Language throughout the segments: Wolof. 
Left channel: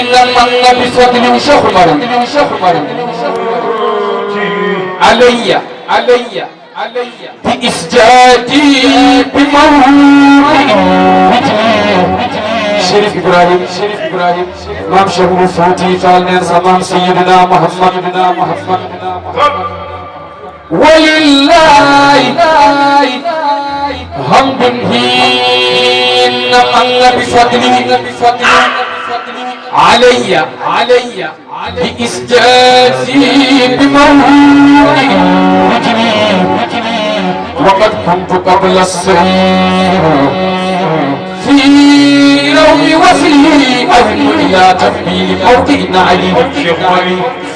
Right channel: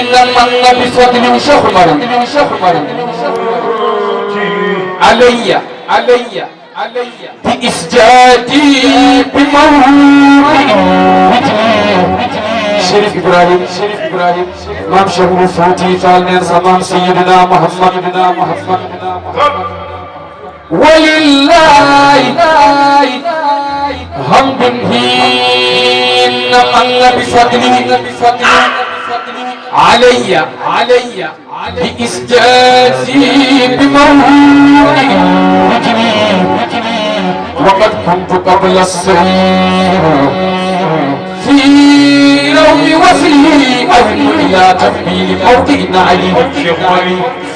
إنما النبي فضل شهر علي بإسجادي بمولد شريف إبراهيم مام شهر فوتي فالنين سمام سيدنا محمد ولله حمد حين من بفضله علي بإسجازي بمولد وقد كنت قبل السرير في رومي وفي أهل إلى تفبيل موضع علي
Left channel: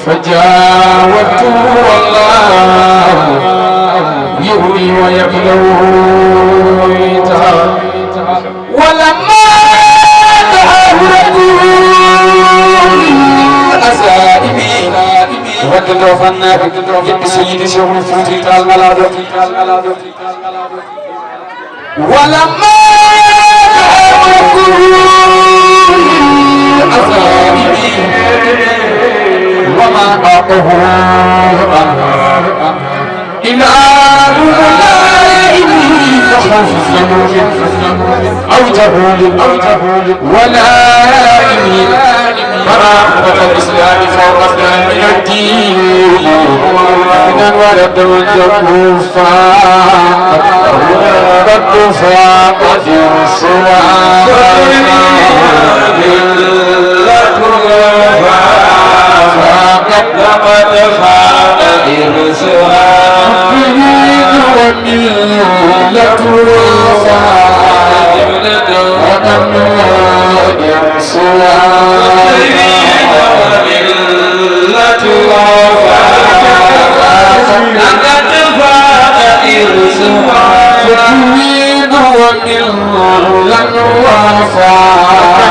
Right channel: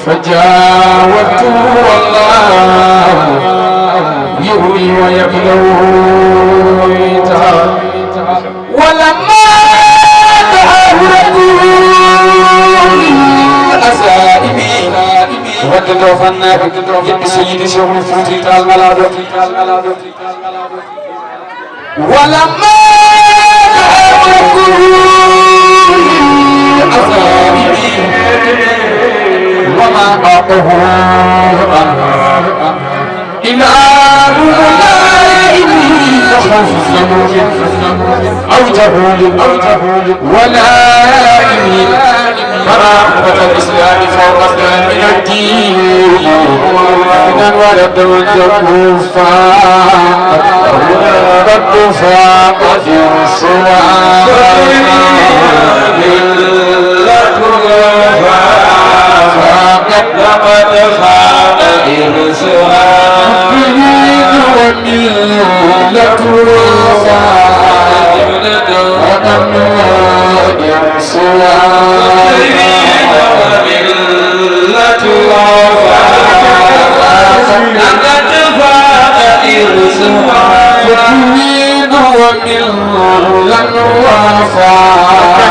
فجاوزت والله يهوي ويبلو ولما دعاه رسول أسائبي ودد فنا يد سيد شغل فوتي الملاد ولما دعاه رسول أسائبي وما أعطه إلى أوجه ولا مراقبة الإسلام فوق من الدين من ورد الكفار رد فاقة الصلاة لقد فاق إرسها وملة الوفاء إرسها وملة الوفاء لقد فاق إرسها وملة الوفاء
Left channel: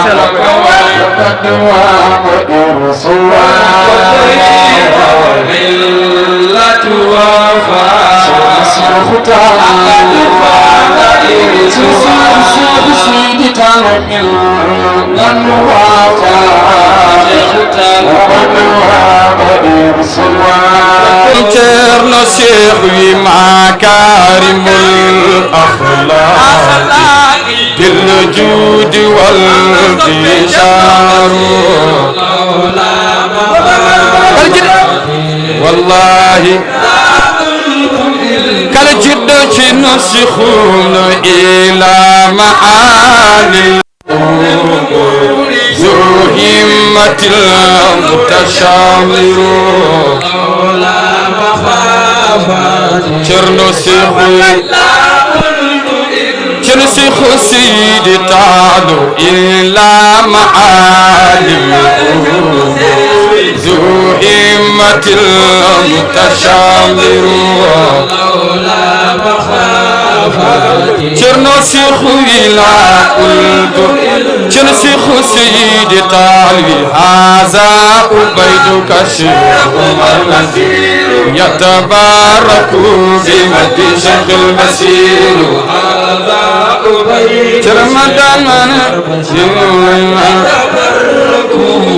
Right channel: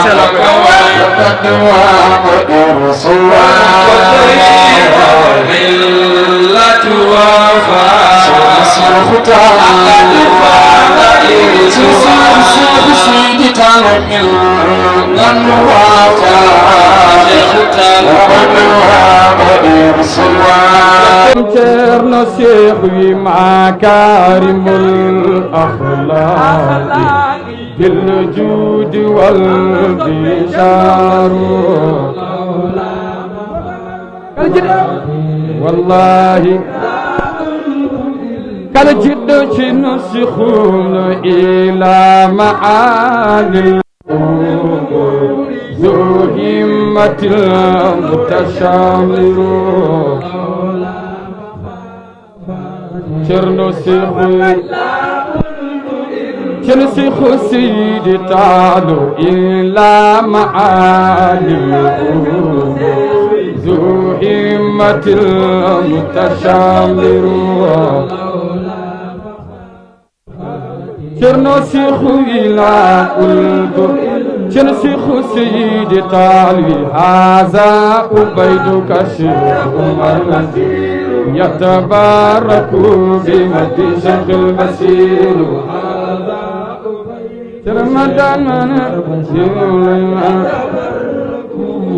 لقد فاق إرسها وملة وفاء Cerno Cheikh wi مكارم الأخلاق بالجود والبشار والله كالجد نسخون إلى معالي ذو همة المتشامر شرنسخ سيد تعالو إلى معالي ذو همة المتشامر شرنسخ إلى قلب شرنسخ سيد تعالي هذا أبيدك شيخ النذير يتبارك بمد شيخ المسير هذا أبيدك شرمدان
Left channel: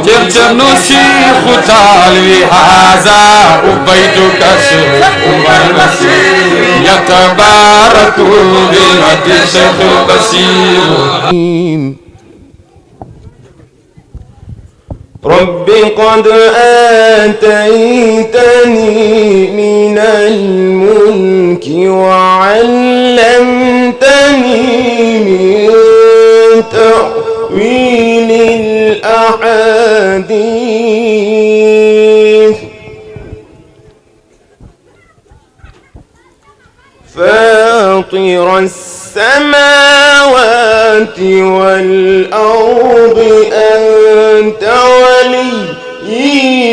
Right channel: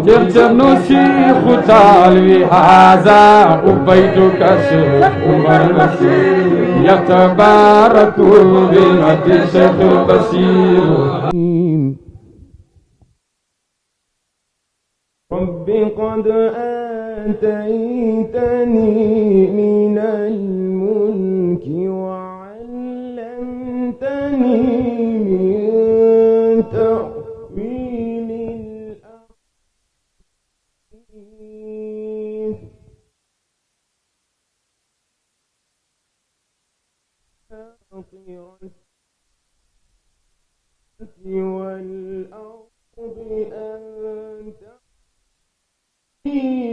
جرجر شيخ تعالي هذا أبيدك شيخ المسير يتبارك بمد شيخ المسير رب قد آتيتني من الملك وعلمتني من تأويل الأحاديث فاطر السماوات والأرض أنت ولي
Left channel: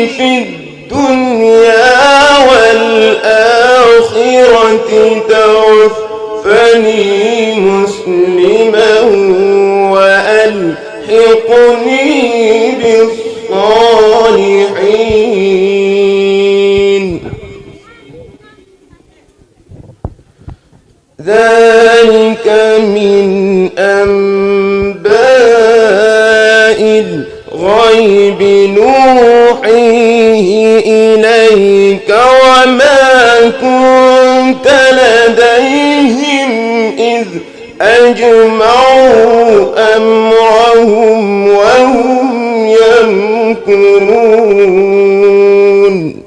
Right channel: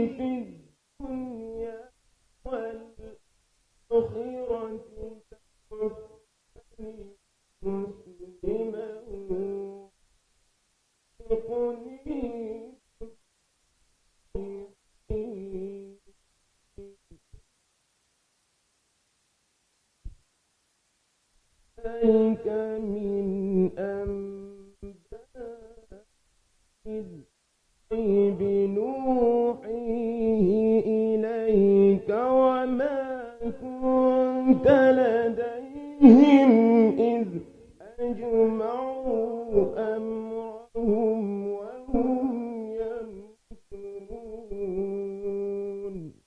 في الدنيا والآخرة توفني مسلما وألحقني بالصالحين ذلك من أنباء الغيب وما كنت لديهم إذ أجمعوا أمرهم وهم يمكرون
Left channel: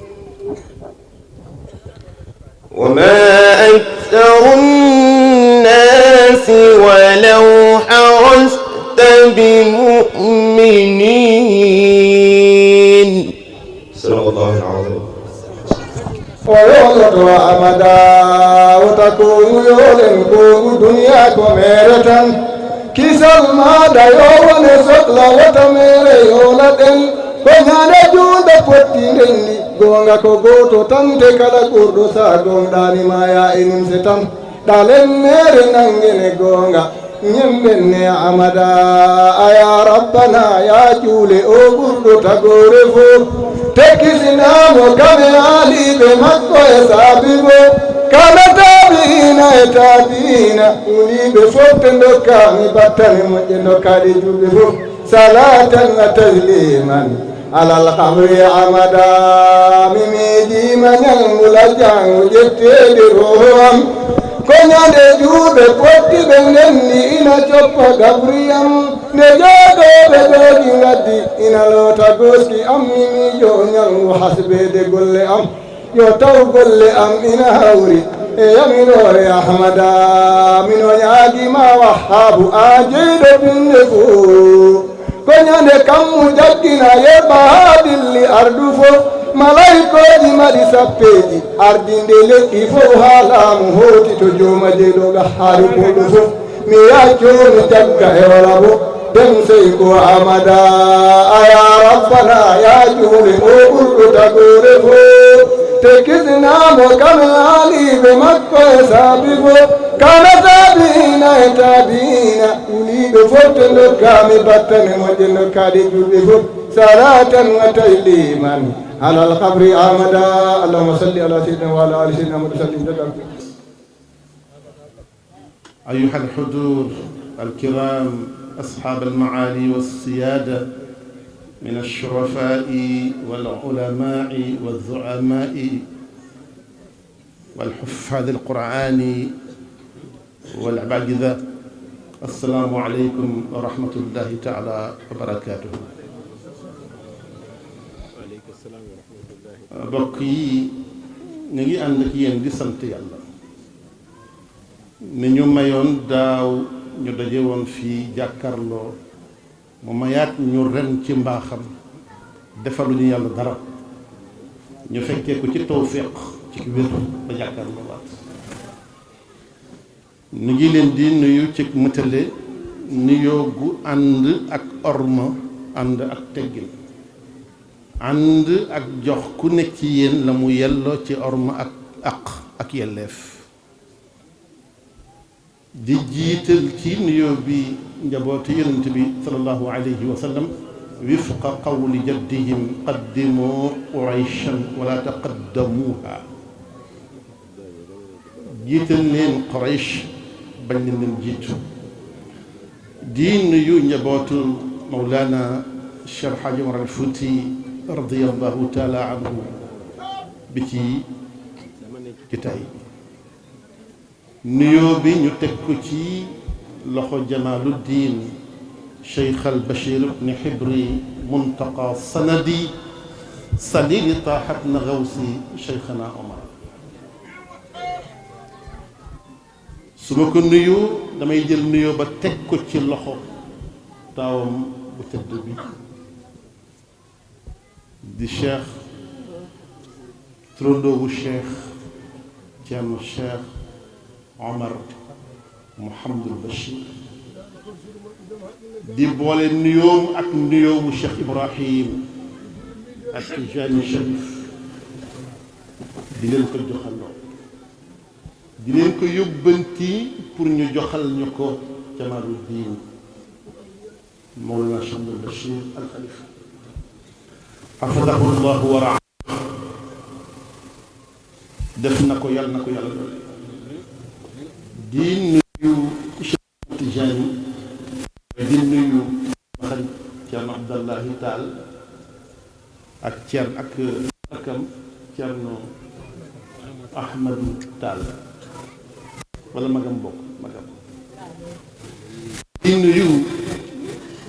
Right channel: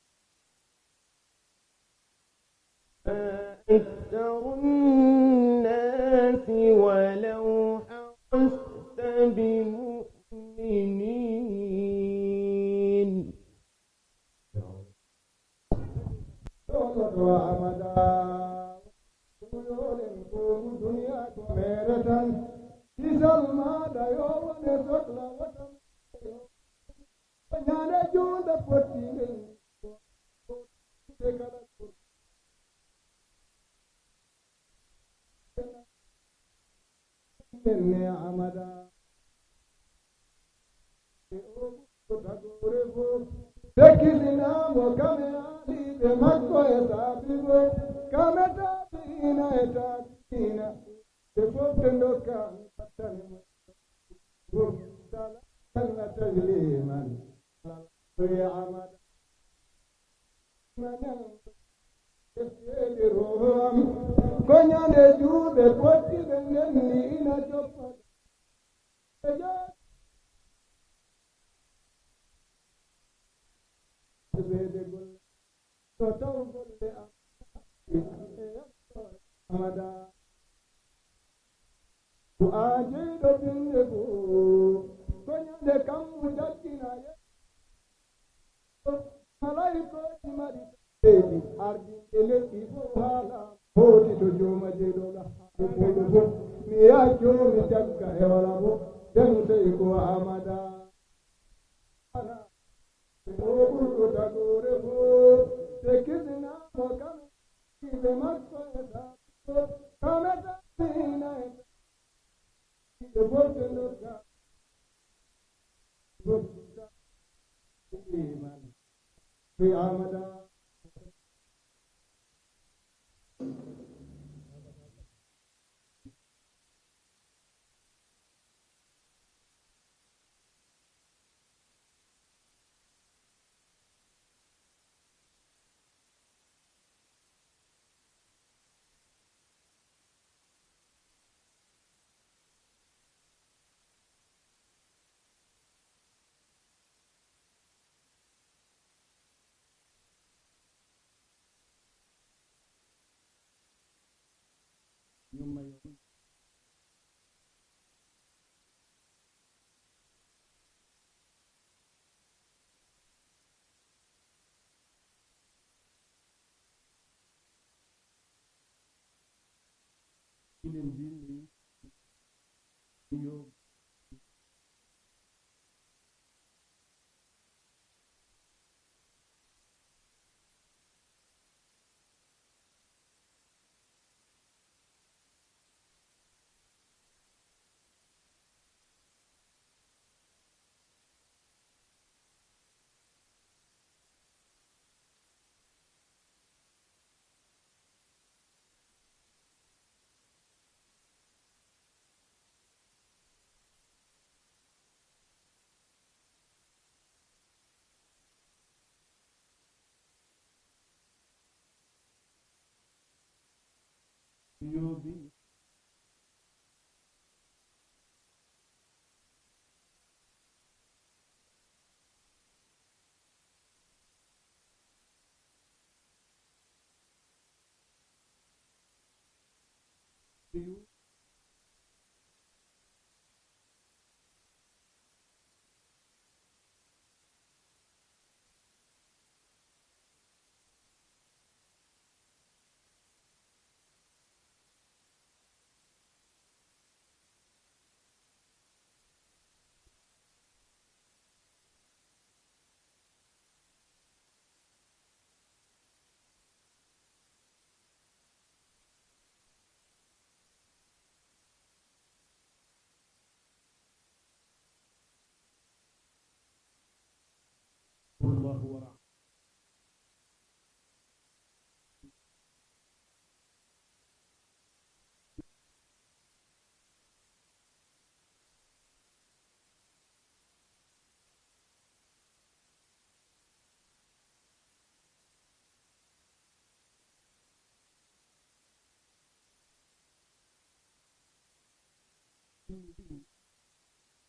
وما أكثر الناس ولو حرصت بمؤمنين صدق الله العظيم ويولد أمدا وتكون يولن كون دنيا كميرة كيسال ما دايو ونسل وتمير يولدن كنا جود بوتيني غونغا كوغوتو تانتي كالا كوردو سا غونداني مايا انم ستام دالن مير نانغيني غونغا نيمبني أمدا يا ربنا يا جولي او غوردو تاغوري فو تكسنا مكامي علي بمكو يسابيبو كان تابينا ولي بفوت كامي بطاني مجنو كاري جولي فو صلاة وتسليما على القبر عمدا ميميدي من الملجان وجتي روحهم كنا نجوب قوتي بنني إنا جوب غبريام نجاغو بغوغي ندي إنا لو تغوسكي أمي يونيان وحسبي دي قل أم يوتو قل أم إنا هوري يا منور يا حمدا منو ياغي ما وحاب آجيد بالنفو كنا نكم جدنا يبا دلي أردفو ملايكو دي مالي سبيدي أردين دي لكيفو حالام هوتي تجوم جيدو غحاري كودفو مياكو نجاقا يولابو دمسيكو عمدا يا ربنا يا جولي موقر تقورفو تكزنا مكان علي بمكو يسابيفو كان تابينا ولي بفوت لكامي بطن مجن كادي جوبيفو صلاة وتسليما على القبر آمدا اللهم صل على سيدنا وعلى آل سيدنا محمد وسلم. أيها الحضور الكرام أصحاب المعالي والسيادة من الشرفاء والعلماء والزعماء والحفاظ القرآن والعباقذة السلام عليكم ورحمة الله تعالى وبركاته. bokk yi ñu ngi ànd ak yéen di sant yàlla ni ñu mayoon daaw ñu daje woon fii jàkkarloo mu mayaat ñu ren ci mbaaxam defaluñu yàlla dara ñu fekkee ko ci tawfiq ci wér ba jàkkarloo waat ñu ngi leen di nuyu ci mëtale nuyoo gu ànd ak orma ànd ak teggin ànd ak jox ku nekk ci yéen la mu yelloo ci orma ak yelleef di jiital ci nuyoo bi njabootu yonent bi sallallahu alayhi wa sallam wifqa qawli jaddihim qaddimu qurayshan wala taqaddamuha jiital leen quraysh bañ leen jiitu di nuyu njabootu mawlana Cheikh Hadji Omar al Fouti radiyallahu taala anhu bi ci tay nuyoo bi ñu teg ko ci loxo Jamaaluddin Cheikh al Bachir ibn Hibri muntaqa sanadi salili taaxat na gawsi Cheikhana Omar su ma ko nuyu damay jël nuyoo ba teg ko ci loxo taawam bu tëdd bi di cheikh turandoobu cheikh Ceerno Cheikh Omar Mouhamadul Bachir di boole nuyoom ak nuyoomu Cheikh Ibrahim ak Tijani Cherif di leen ko joxaloo di leen ko yóbbanti pour ñu joxal ñu ko Jamaaluddin Mawlana Cheikh Abdul Bachir al Khalifa xafadahu llahu wa raa def na ko yàlla doole di nuyu Cheikh Tijani di nuyu xarit Ceerno Abdallahi Taal ak Ceerno ak rakam Ceerno Ahmadou Tall wala magam bokk magam di nuyu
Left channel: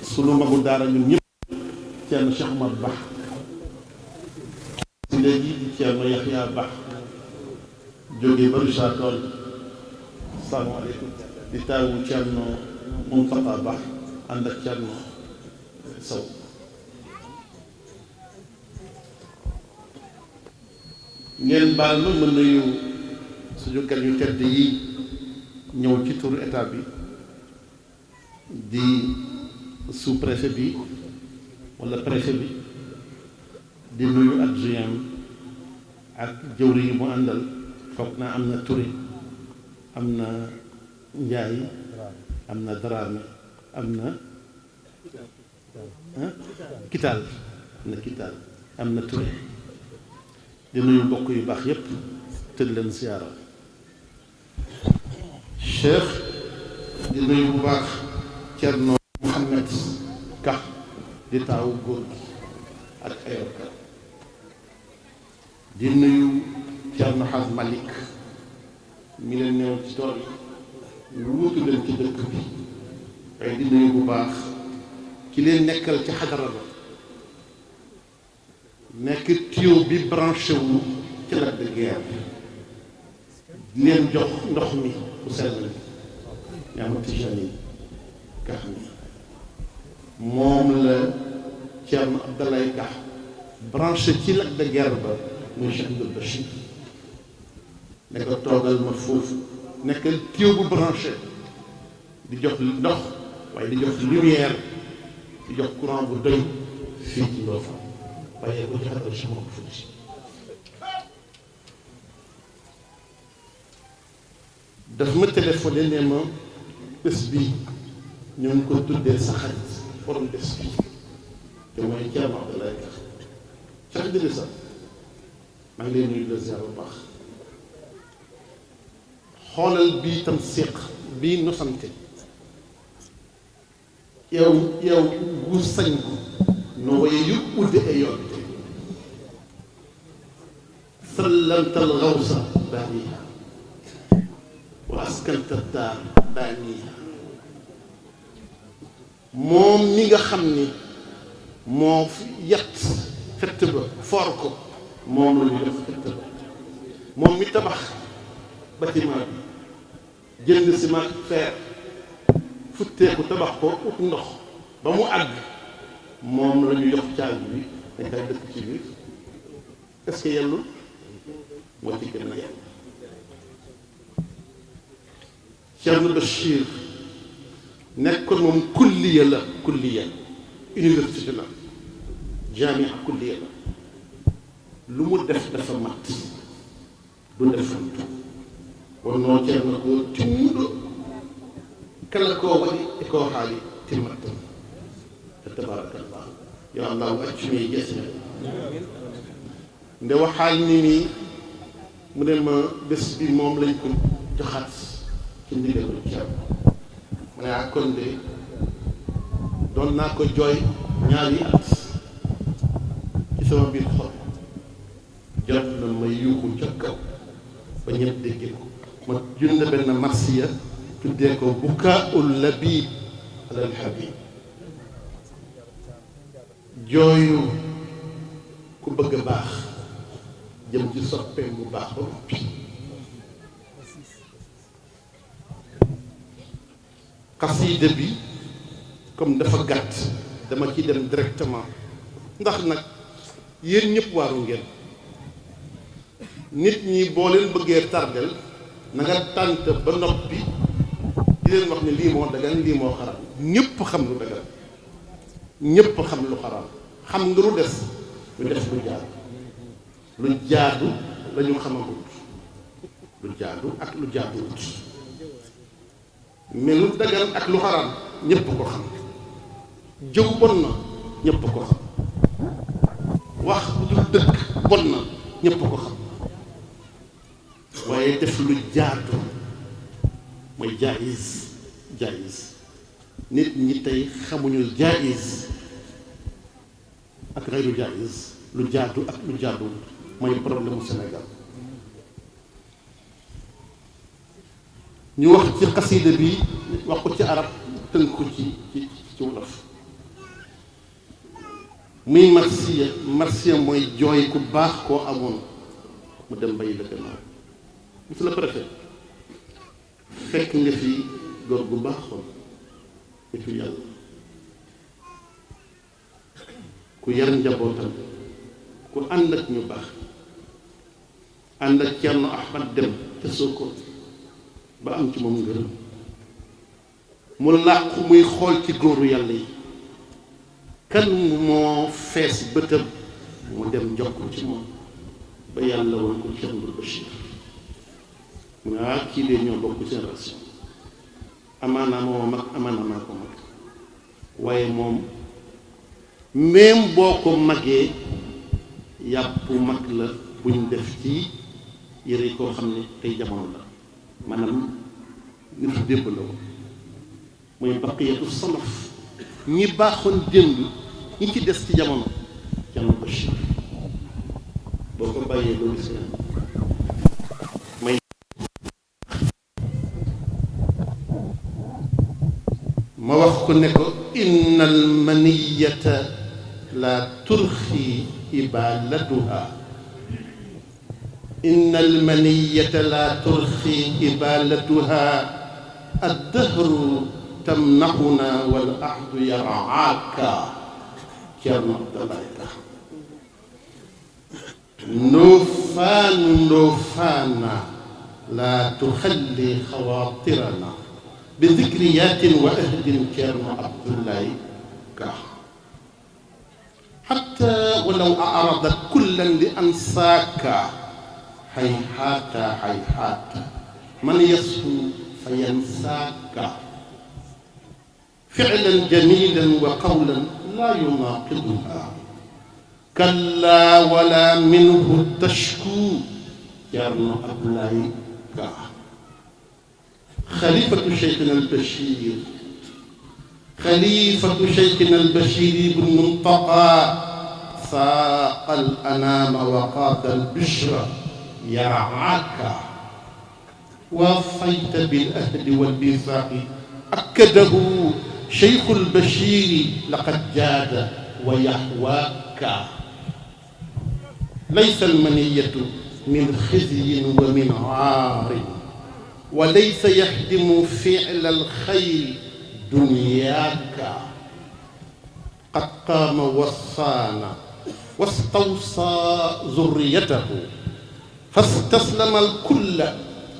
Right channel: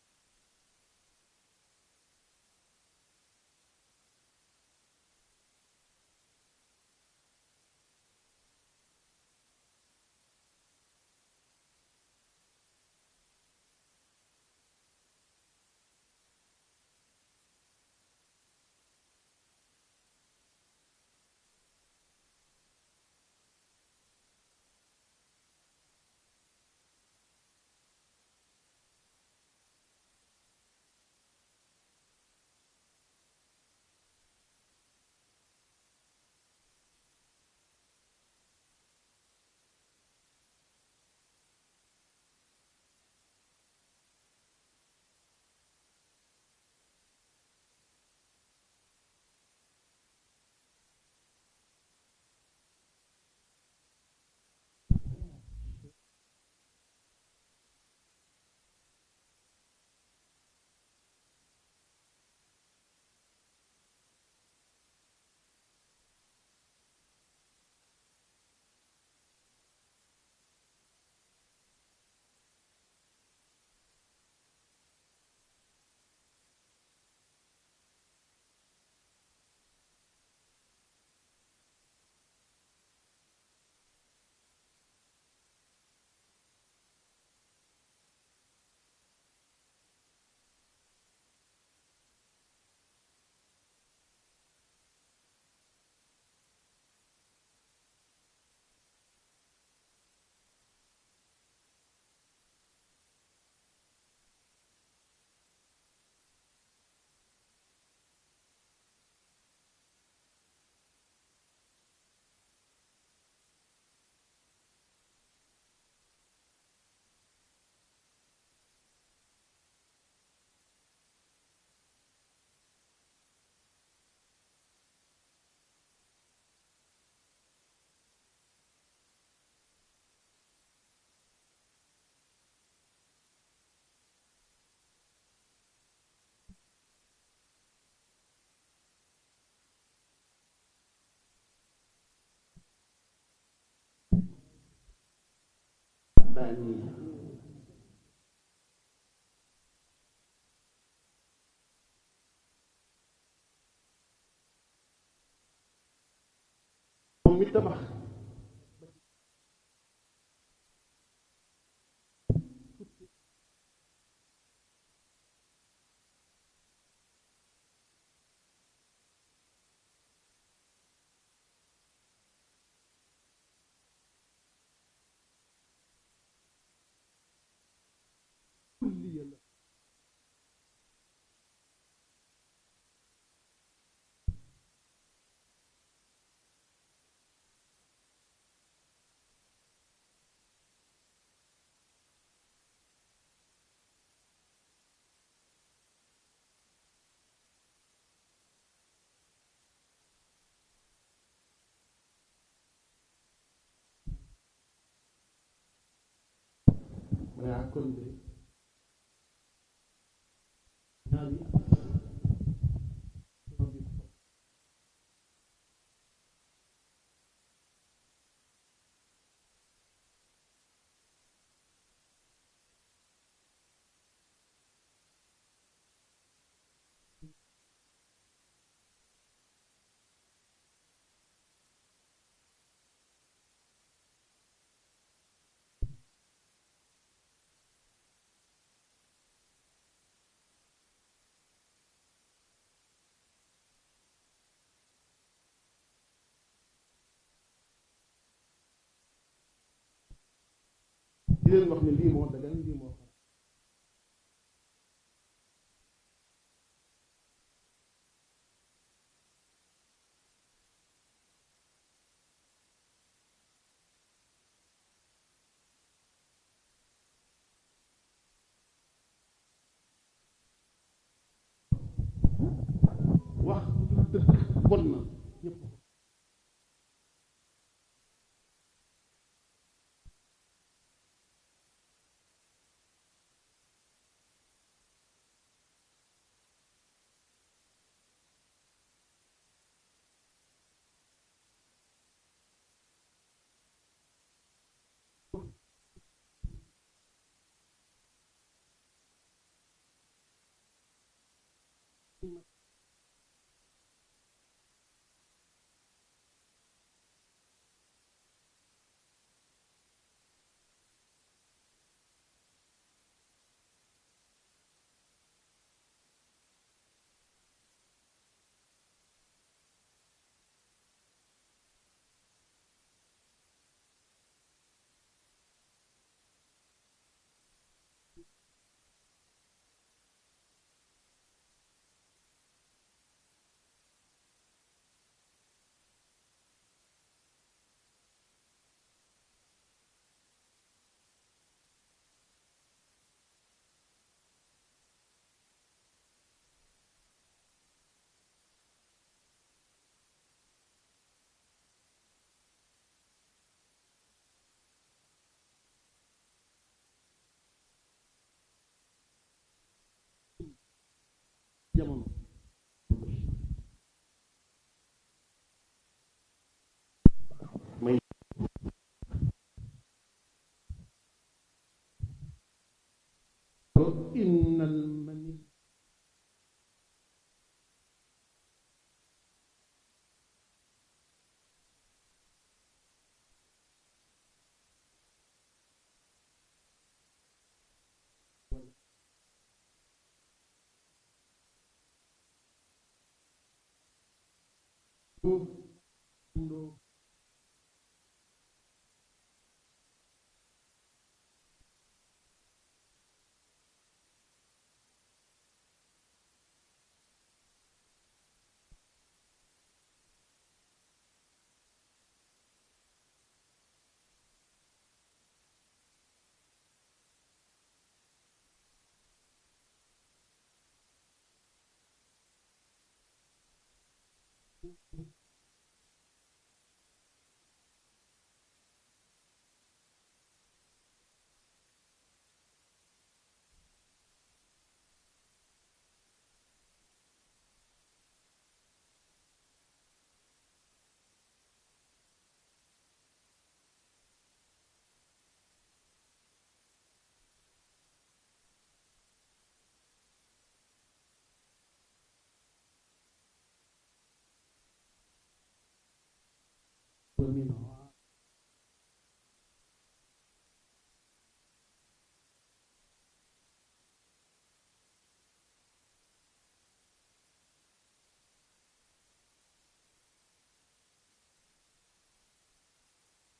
sunu magu daara ñun ñëpp Ceerno Cheikh Omar Ba si léegi di Ceerno Yaxya Ba jóge ba Richard Toll salaamaaleykum di taawu Ceerno Moustapha Ba ànd ak Ceerno Sow ngeen baal ma mën nuyu suñu gan yu tedd yi ñëw ci turu état bi di sous-préfet bi wala préfet bi di nuyu adjoint ak jëwri yi mu àndal foog naa am na Touré am na Njaay am na Dramé am na Kital am na Touré di nuyu mbokk yu baax yépp tëdd leen siyaara Cheikh di nuyu bu baax Cerno Mouhamed Ka di taawu góor gi ak ayoka di nuyu Cerno Xaas Malik mi leen newoon ci tool yi lu wutu leen ci dëkk bi waaye di nuyu bu baax ki leen nekkal ci xadara ba nekk tuyau bi branché wu ci Lac de Guiers di leen jox ndox mi bu sell mi ñaama Tijani Ka xam ni moom la Thierno Abdoulaye Ka branché ci Lac de Guiers ba muy Cheikh Abdoul Bachir ne ko toogal ma foofu nekkal tuyau bu branché di jox ndox waaye di jox lumière di jox courant bu doy fii ci Ndofane waaye ko joxatal sama ko fuuti daf ma téléphoné ne ma bés bi ñu ngi ko tuddee sa xarit borom bés bi te mooy Thierno Abdoulaye Ka Cheikh Idrissa maa ngi leen nuyu la ziar bu baax xoolal bii tam séq bii nosante yow gu sañ ko no waye yu udde e yoɓete sallamta algawsa baaniha wa askanta daar baaniha moom mi nga xam ni moo yat fett ba foor ko moom la ñu def fett ba moom mi tabax bâtiment bi jënd ciment fer futteeku tabax ko ut ndox ba mu àgg moom la ñu jox caabi bi dañ koy dëkk ci biir est-ce que yellul moo ci gën a yell Thierno Bachir nekkoon moom kulliya la kulliya université la jamia kulliya la lu mu def dafa mat du defantu wonnoo Thierno ko timmuɗo kala ko waɗi e ko haali timmattan tabarakallah yo allahu accumi e gese nde waxaalni ni mu ne ma bés bi moom lañ ko joxaat ci ndigalu Thierno mu ne ak kon de doon naa ko jooy ñaari at ci sama biir xol jot na ma yuuxu ca kaw ba ñëpp dégg ko ma jund benn marsiya tuddee ko bukaa'ul labib alal habib jooyu ku bëgg a baax jëm ci soppeem bu baax ba noppi xasiida bi comme dafa gàtt dama ci dem directement ndax nag yéen ñëpp waaru ngeen nit ñi boo leen bëggee tardel na nga tànt ba noppi di leen wax ne lii moo dagan lii moo xaraam ñëpp xam lu dagan ñëpp xam lu xaraam xam nga lu des lu def lu jaadu la ñu xamagut lu jaadu ak lu jaaduwut mais lu dagan ak lu xaraam ñëpp ko xam jëw bon na ñëpp ko xam wax bu dul dëkk bon na ñëpp ko xam waaye def lu jaadu mooy jaayiz nit ñi tey xamuñu jaayiz ak xayru jaayiz lu jaadu ak lu jaadu mooy problème mu Sénégal ñu wax ci xasida bi wax ko ci arab tënk ko ci wolof muy marsiya mooy jooy ku baax koo amoon mu dem bàyyi la gannaaw. monsieur le préfet fekk nga fi góor gu baaxoon nitu yàlla ku yar njabootam ku ànd ak ñu baax ànd ak Cerno Ahmad dem ca Sokone ba am ci moom ngërëm mu làqu muy xool ci góoru yàlla yi kan moo fees bëtam mu dem jox ko ci moom ba yàlla woon ko Cerno Bachir mu ne kii de ñoo bokk génération amaana moo mag amaana maa ko mag waaye moom même boo ko magee yàpp mag la buñ def ci yëre koo xam ne tey jamono la maanaam nit fu démb la woon mooy baqiyatu salaf ñi baaxoon démb ñi ci des ci jamono Cerno Bachir boo ko bàyyee doo gis may ma wax ko ne ko innal maniyata la turxi ibalatuha innal maniyata la turxi ibalatuha addahru tamnaxuna wal ahdu yaraaka Cerno Abdoulaye Ka ndoofaana la tuxalli xawaatirana bi dikriyaatin wa ahdin Cerno Abdoulaye Ka xatta walaw aradat kullan li ansaaka hayhaata man yasfu fa yansaaka ficlan jamilan wa qawlan laa yunaaqiduha kallaa wala minhu tashku Cerno Abdoulaye Ka xalifatu Cheikhina al-Bachir xalifatu Cheikhina al-Bachir ibn Muntaqa saaqa al-anaama wa qaada al-bishra yar'aaka waafayta bil-ahdi wal-miisaaqi akkadahu Cheikhu al-Bachir laqad jaada wa yahwaaka laysa al-maniyatu min xizyin wa min aarin wa laysa yaxdimu fi'la al-xayri dunyaaka qad qaama wassaana wastawsaa zurriyatahu fastaslama al-kulla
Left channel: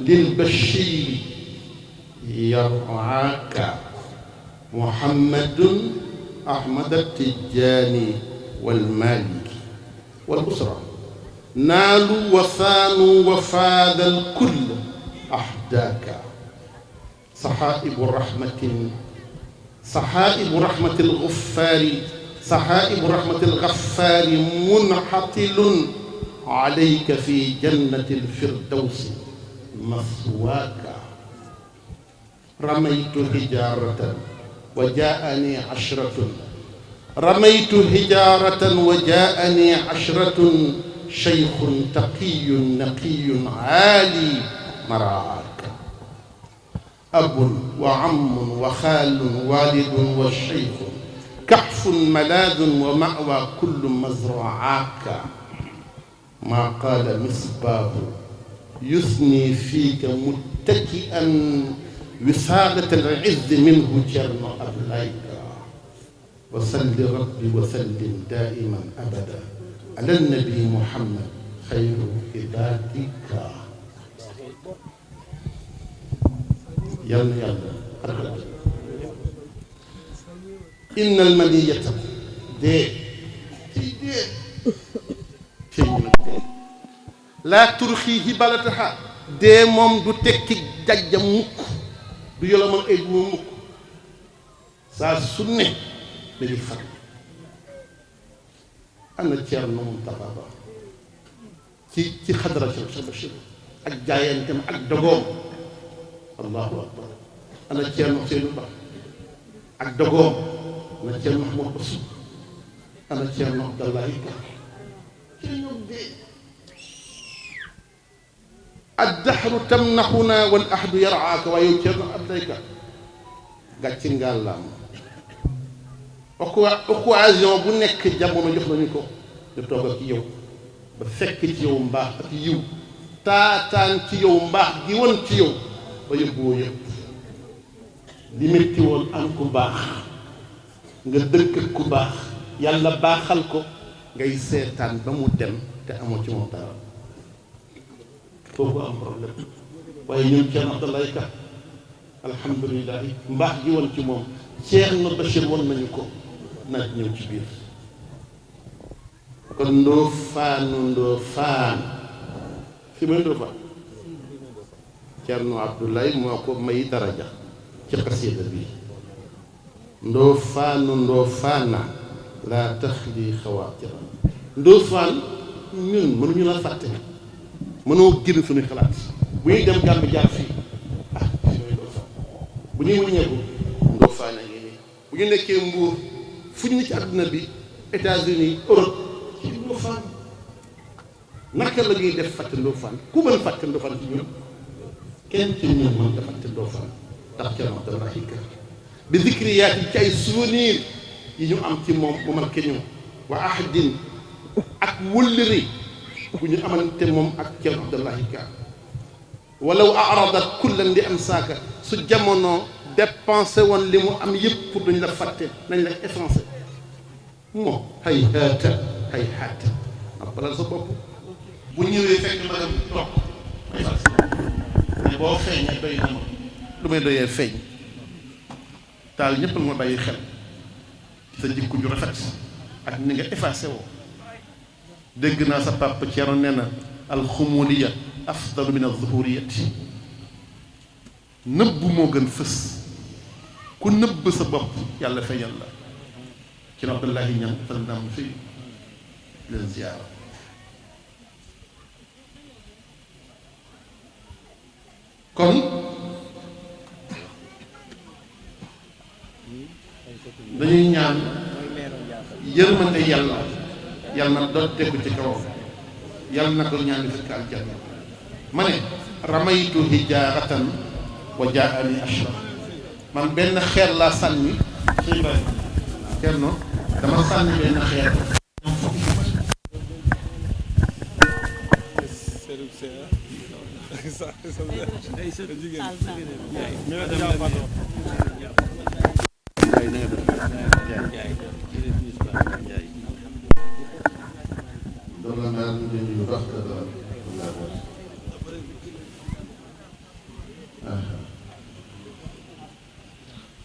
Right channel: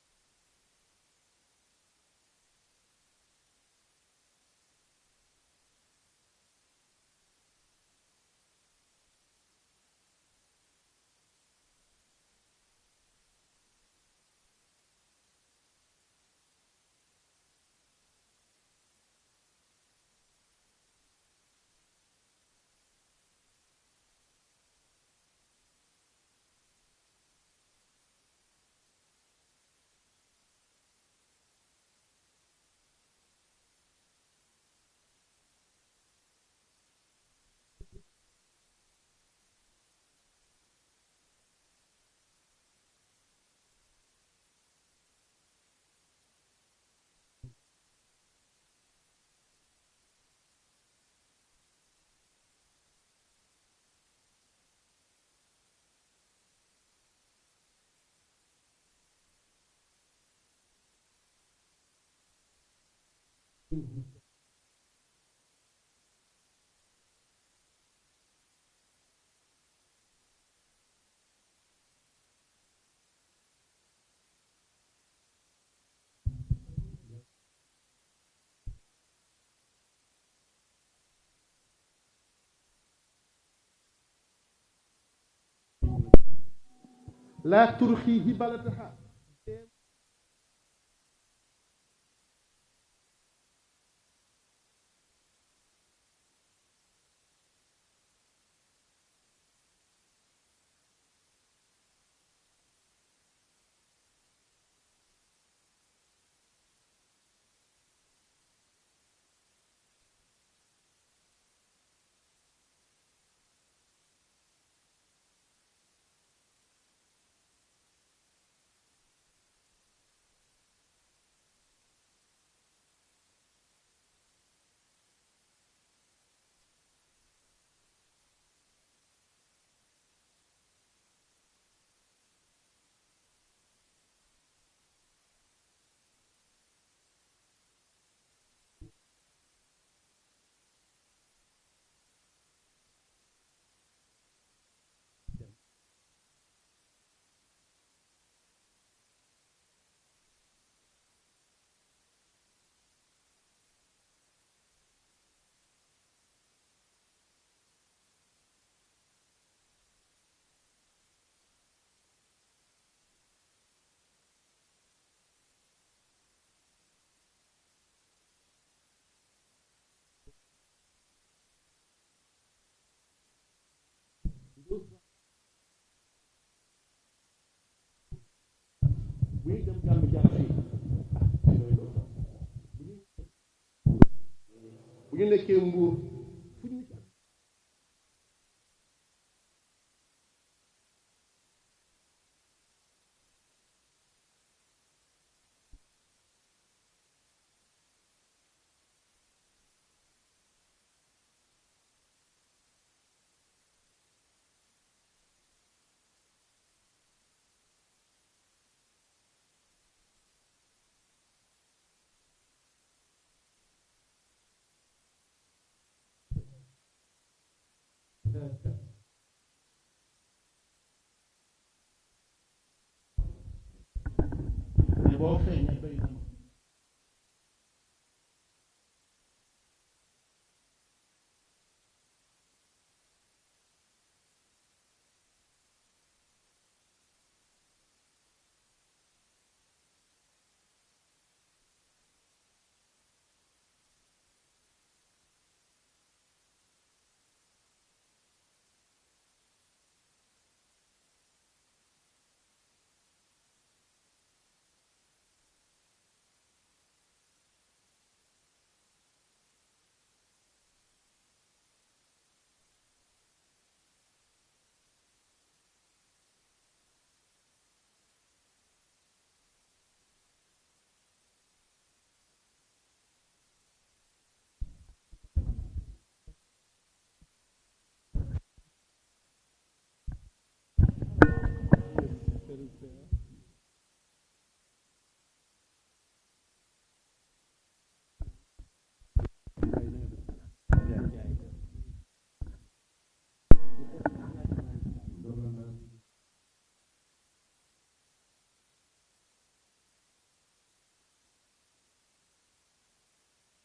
lil-Bachir yar'aaka Muhammadun Ahmad at-Tijaani wal-Maaliki wal-usra naalu wa saanu wa faada al-kull ahdaaka saxaa'ibu rahmatin saxaa'ibu rahmati al-Gaffaari saxaa'ibu rahmati al-Gaffaari munxatilun alayka fi jannati al-firdawsi maswaaka ramaytu hijaaratan wa jaa'anii ashratun ramaytu hijaaratan wa jaa'anii ashratun shaykhun taqiyyun naqiyyun aali maraaka abun wa ammun wa xaalun waalidun wa shaykhun kahfun malaadun wa ma'waa kullu mazraaka maa qaala misbaahu yusnii fiika muttaki'an wisaadata al-izzi minhu Cerno Abdoulaye Ka wa salli rabbi wa sallim daa'iman abadan ala nabi Muhammad xayru ibadika yal na yàlla àggal inna al-maniyata dee laa turxiihi balataha dee moom du tekki jajjam mukk du yolomal ay bu mukk saa su ne dañuy far ana Cerno Muntaxa Ba ci xadara Cheikh Bachir ak jaayanteem ak dogoom allahu akbar ana Cerno Seydou Ba ak dogoom ana Cerno Mahmoud Bassou ana Cerno Abdoulaye Ka ci ñoom dee addahru tamnaxuna wal ahdu yaraaka waaye yow Ceerno Abdayka gàcce ngàllaam occasion bu nekk jamono jox nañu ko ñu toog ak yow ba fekk ci yow mbaax ak yiw taataan ci yow mbaax gi woon ci yow ba yóbbuwoo yëpp li métti woon am ku baax nga dëkk ak ku baax yàlla baaxal ko ngay seetaan ba mu dem te amoo ci moom dara foofu am problème waaye ñun Ceerno Abdoulaye Ka alhamdulilah mbaax gi woon ci moom Ceerno Bachir woon nañu ko naaj ñëw ci biir kon Ndofane fi may Ndofane Ceerno Abdoulaye moo ko may daraja ci xasida bi Ndofane laa taxli xawaatira Ndofane ñun mënuñu la fàtte mënoo génn suñuy xalaat bu ñuy dem Gàmbi jaar fii fi may Ndofane bu ñuy wëññeeku Ndofane a ngi nii bu ñu nekkee Mbuur fu ñu ne ci àdduna bi États-Unis Europe ci Ndofane naka la ñuy def fàtte Ndofane ku mën fàtte Ndofane ci ñun kenn ci ñun mën nga fàtte Ndofane ndax Ceerno Abdoulaye Ka bi zikriyaat yi ci ay souvenir yi ñu am ci moom mu marqué ñu wa ahdin ak wëllëri bu ñu amante moom ak Ceerno Abdoulaye Ka walaw aradat kullan li am saaka su jamono dépensé woon li mu am yëpp pour dañ la fàtte nañ la effacé moo hay haata ak balal sa bopp bu ñëwee fekk ma dem toog may fas ne boo feeñee doy na ma lu may doyee feeñ taal ñëpp la ma bàyyi xel sa jikko ju rafet ak ni nga effacé woo dégg naa sa papa Ceerno nee na alxumuliya afdalu min alzuhuriyati nëbb moo gën fës ku nëbb sa bopp yàlla feeñal la ci na Abdoulaye ñam fas naam fii leen ziyaara kon dañuy ñaan yërmande yàlla na dotteeku ci kawam yàlla na ko ñaan di fekk aljanna ma ne ramaytu hijaaratan wa jaani ashraf man benn xeer laa sànni ci Ibrahima Ceerno dama sànni benn xeer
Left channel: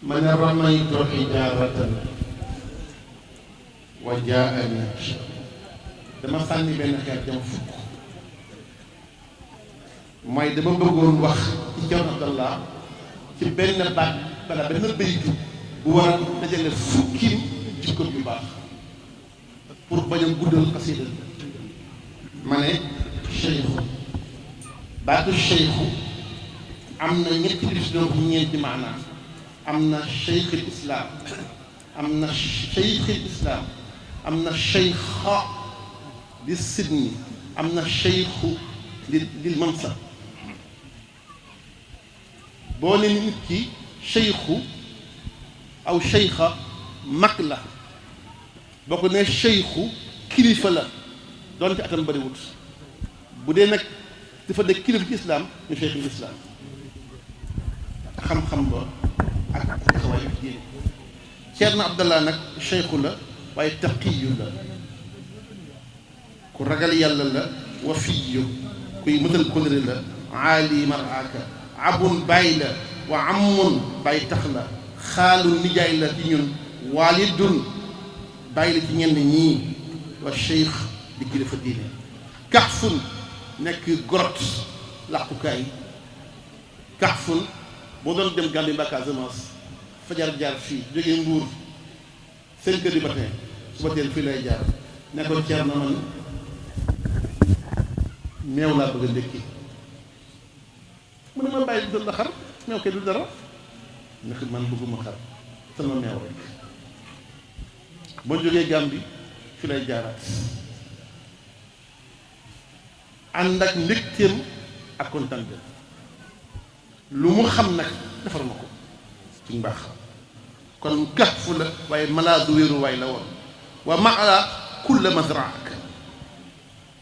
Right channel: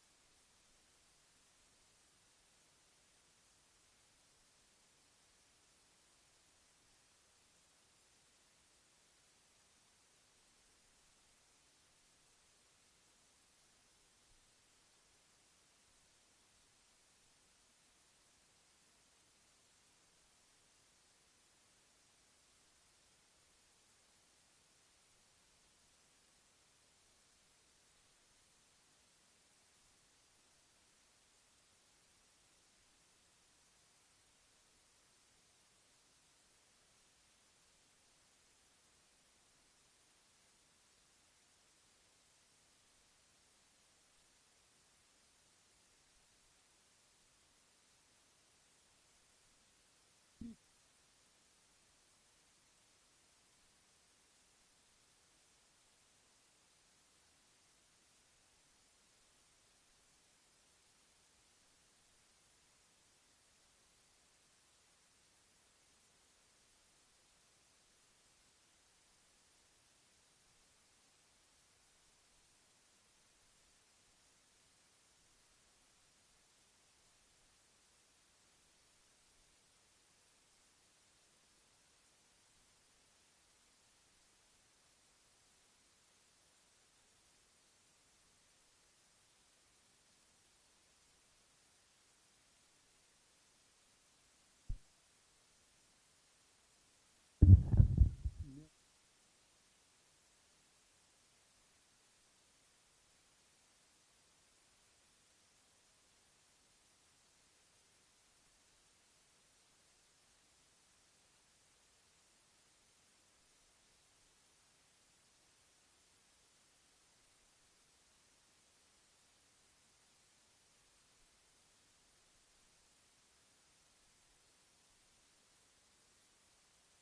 ma ne ramaytu hijaaratan wa jaani dama sànni benn xeer jam fukk mooy dama bëggoon wax ci Ceerno Abdallah ci benn baat bala benn baytu bu war a dajale fukki jikko yu baax pour bañ a guddal xasida ma ne cheikhu baatu cheikhu am na ñetti définition bu ñeenti maanaam am na cheikhul islam am na cheikhul islam am na cheikha li sidni am na cheikhu lil mansab boo ne nit ki cheikhu aw cheikha mag la boo ko ne cheikhu kilifa la doonte atam bëriwut bu dee nag dafa de kilifa ci islam ñu cheikhul islam xam-xam ba ak taxawaay ak diine Ceerno Abdallah nag cheikhu la waaye taqiyu la ku ragal yàlla la wafiyu kuy mëtal kóllëre la aali maraaka abun bàyyi la wa amun bàyyi tax la xaalu nijaay la ci ñun waalidun bàyyi la ci ñenn ñii wa cheikh di kilifa diine kaxfun nekk gorot làqukaay kaxfun boo doon dem Gambie mbaa Casamance fajar jaar fii jógee Mbuur 5 heures du matin suba teel fii lay jaar ne ko Ceerno man meew laa bëgg a ndékki mu ne ma bàyyi doon la xar meew kay du dara ndax man bëgguma xar sama meew rek boo jógee Gambie fi lay jaaraat ànd ak mbégteem ak kontaan lu mu xam nag defar ma ko ci mbaax kon kafu la waaye malaadu wéeru waay la woon wa maa kulla mazraak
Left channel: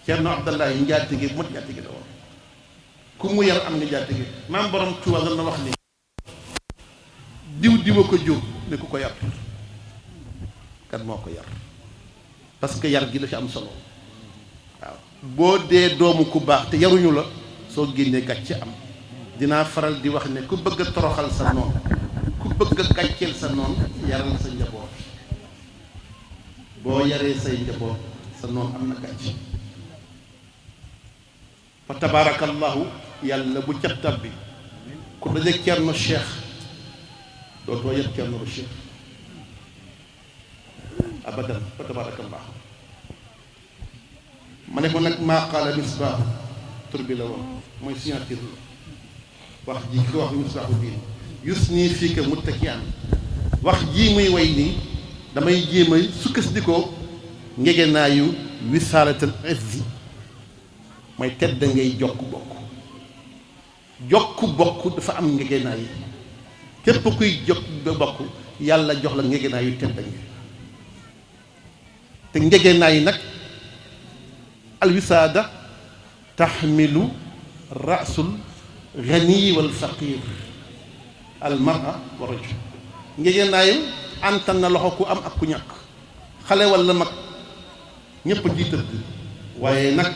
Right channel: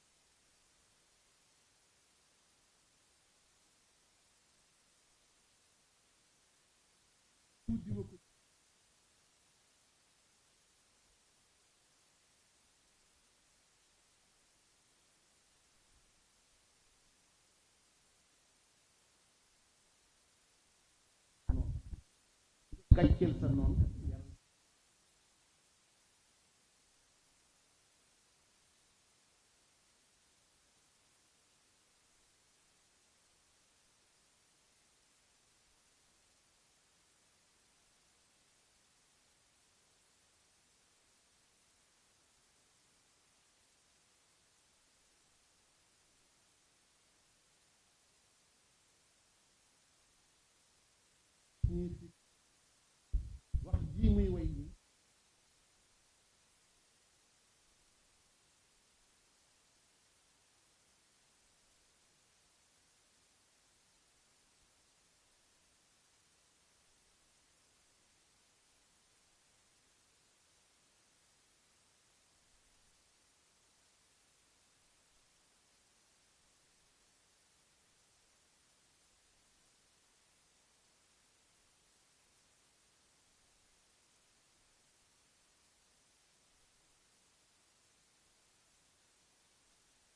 Ceerno Abdallahi njaatige mot njaatige la woon ku mu yar am nga njaatige maam borom Tuuba na wax ni diw ko jóg ne ku ko yar kan moo ko yar parce que yar gi la ci am solo waaw boo dee doomu ku baax te yaruñu la soo génnee gàcce am dinaa faral di wax ne ku bëgg a toroxal sa noon ku bëgg a gàcceel sa noon yaral sa njaboot boo yaree say njaboot sa noon am na gàcce fa tabaarakallahu yàlla bu ca tabbi ku dajeeg Ceerno Cheikh dootoo yëpp Ceerno Cheikh abadan fa tabaarakallahu ma ne ko nag maa qaala misbaax tur bi la woon mooy signature la wax ji ki ko wax misbaaxu diin yus nii fii ka muttaki'an wax jii muy way nii damay jéem a sukkandikoo ngegenaayu wisaalatal izzi mooy tedd ngay jokk bokk dafa am ngegenaay yi képp kuy jokk bokk yàlla jox la ngegenaayu tedd nga te ngegenaay yi nag alwisaada taxmilu rasul ganiyi wal faqir almara wa rajul ngegenaayu antan na loxo ku am ak ku ñàkk xale walla mag ñépp ji tëdd waaye nag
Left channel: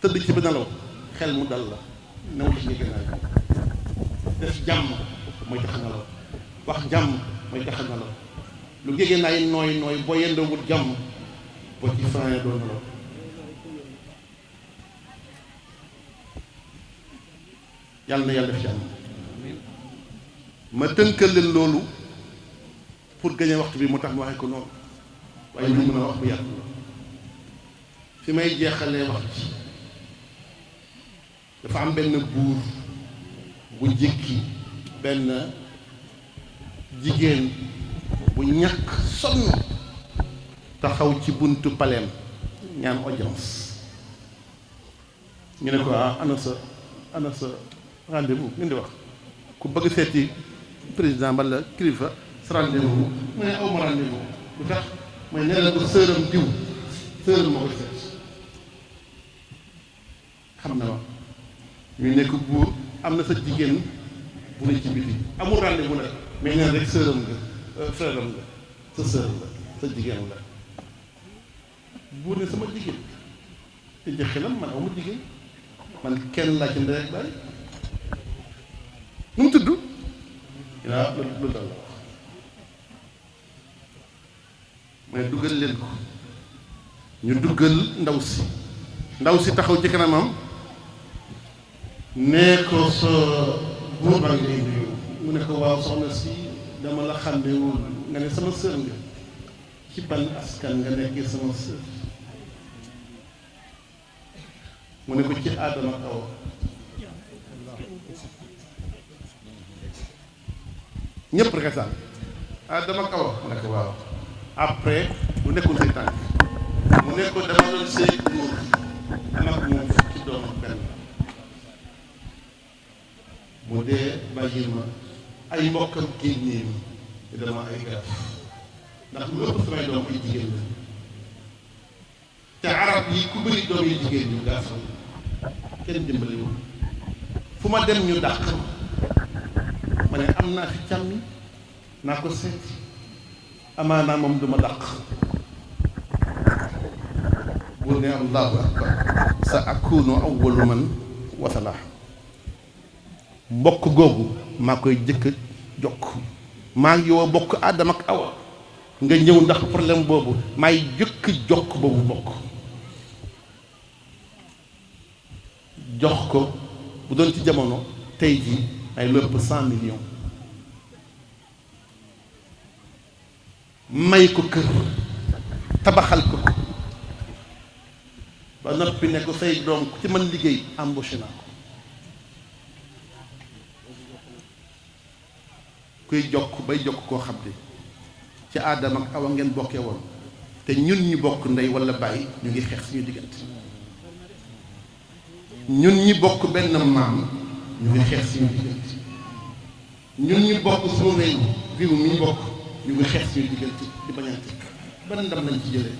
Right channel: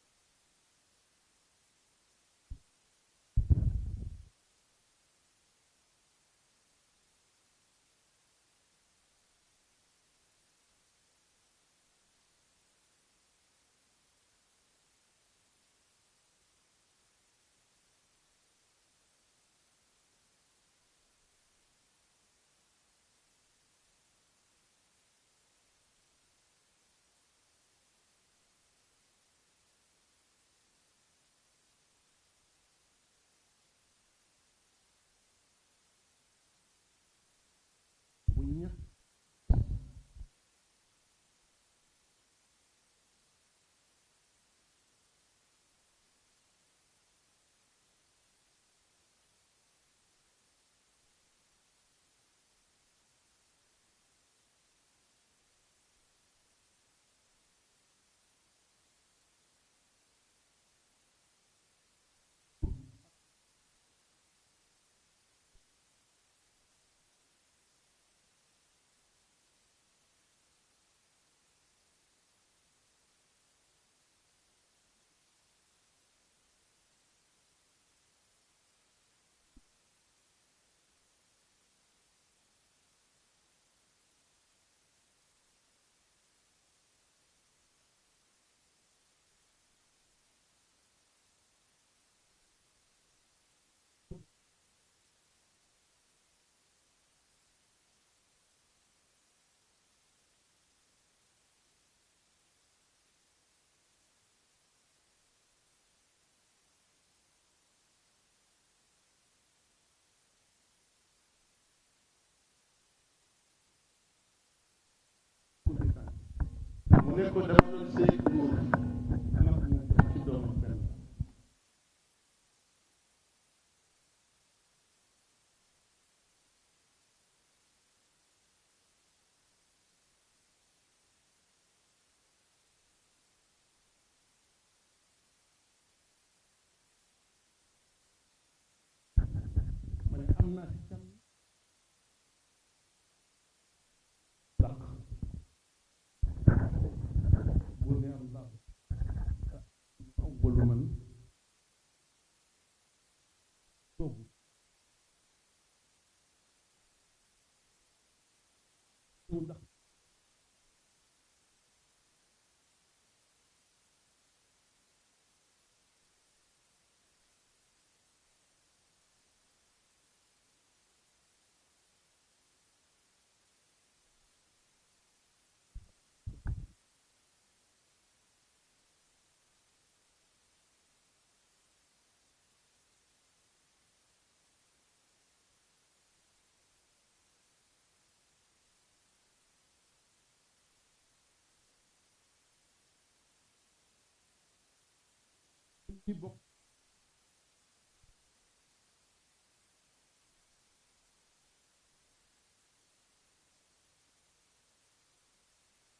tëdd ci bi nelaw xel mu dal la new ci ngegenaay def jàmm mooy tax nelaw wax jàmm mooy tax nelaw lu ngegenaay nooy boo yendoowul jàmm boo ci fanaane doo nelaw yàlla na yàlla def jàmm ma tënkal leen loolu pour gagner waxtu bi moo tax ma waxee ko noonu waaye lu mën a wax bu yàgg fi may jeexalee wax ci dafa am benn buur bu jëkki benn jigéen bu ñàkk sonn taxaw ci buntu paleem ñaan audience ñu ne ko ana sa rendez-vous ngeen di wax ku bëgg seeti président walla kilifa sa rendez-vous mu ne aw ma rendez-vous lu tax mooy nee na ko sëram diw sëram moo ko seet xam na ma ñu nekk buur am na sa jigéen bu ne ci biti amul rendez-vous nag mais neen rek sëram nga frère am nga sa sër la sa jigéen la buur ne sama jigéen te jëxelam man aw ma jigéen man kenn laa ci ndey ak baay nu mu tudd waaw loolu dal la wax mais duggal leen ko ñu duggal ndaw si taxaw ci kanamam nee ko sa buur baa ngi lay nuyu mu ne ko waaw soxna si dama la xàmmewul nga ne sama sër nga ci ban askan nga nekkee sama sër mu ne ko ci Aadama Awa ñëpp reketaan Aadama Awa mu ne ko waaw après bu nekkul say tànk mu ne ko dama doon sëy góor am ak moom fukki doom ak benn mu dee bàyyil ma ay mbokkam génnee mi te dama ay gaaf ndax lu ëpp samay doom ay jigéen la te arab yi ku bëri doom yi jigéen ñu gaafal kenn dimbali wu fu ma dem ñu dàq ma ne am naa fi càmmi naa ko seet amaanaa moom du ma dàq bu ne allahu akbar sa akunu awwalu man wasala mbokk googu maa koy jëkk jokk maa ngi yow bokk Aadama ak Awa nga ñëw ndax problème boobu maay jëkk jokk boobu bokk jox ko bu doon ci jamono tey jii ay lépp 100 millions may ko kër tabaxal ko ba noppi ne ko say doom ku ci mën liggéey embauché naa ko kuy jokk bay jokk koo xam ne ci Aadama ak Awa ngeen bokkee woon te ñun ñu bokk ndey walla bàyyi ñu ngi xeex suñu diggante ñun ñi bokk benn maam ñu ngi xeex suñu diggante ñun ñi bokk suñu réew mi ñu bokk ñu ngi xeex suñu diggante di bañante ban ndam lañ ci jëlee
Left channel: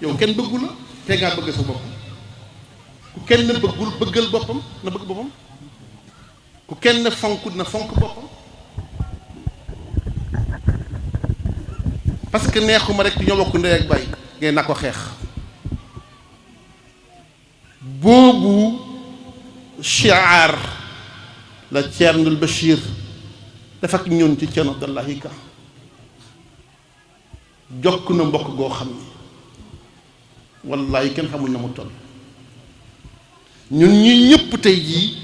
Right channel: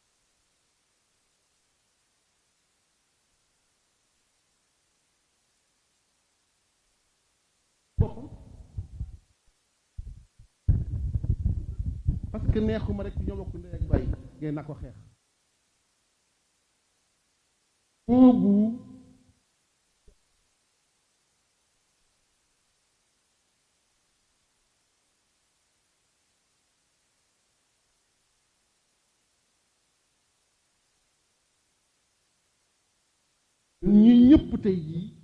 yow kenn bëggu la te ngaa bëgg sa bopp ku kenn bëggul bëggal boppam na bëgg boppam ku kenn fonk na fonk boppam parce que neexuma rek ñoo bokk ndey ak baay ngeen na ko xeex boobu shiar la Ceernul Bachir def ak ñun ci Ceerno Abdallahi Ka jokk na mbokk goo xam ni wallahi kenn xamul na mu toll ñun ñi ñëpp tey jii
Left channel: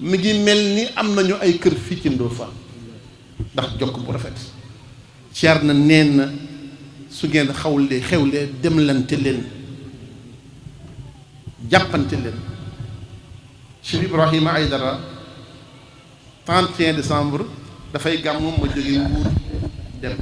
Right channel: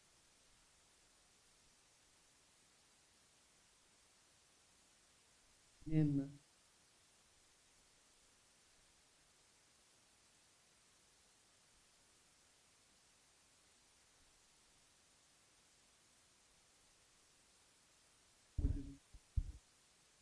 mi ngi mel ni am nañu ay kër fii ci Ndofane ndax jokk bu rafet Ceerno nee na su ngeen xewlee demlante leen jàppante leen Cheikh Ibrahima Aïdara 31 décembre dafay gàmmu ma jóge Mbuur dem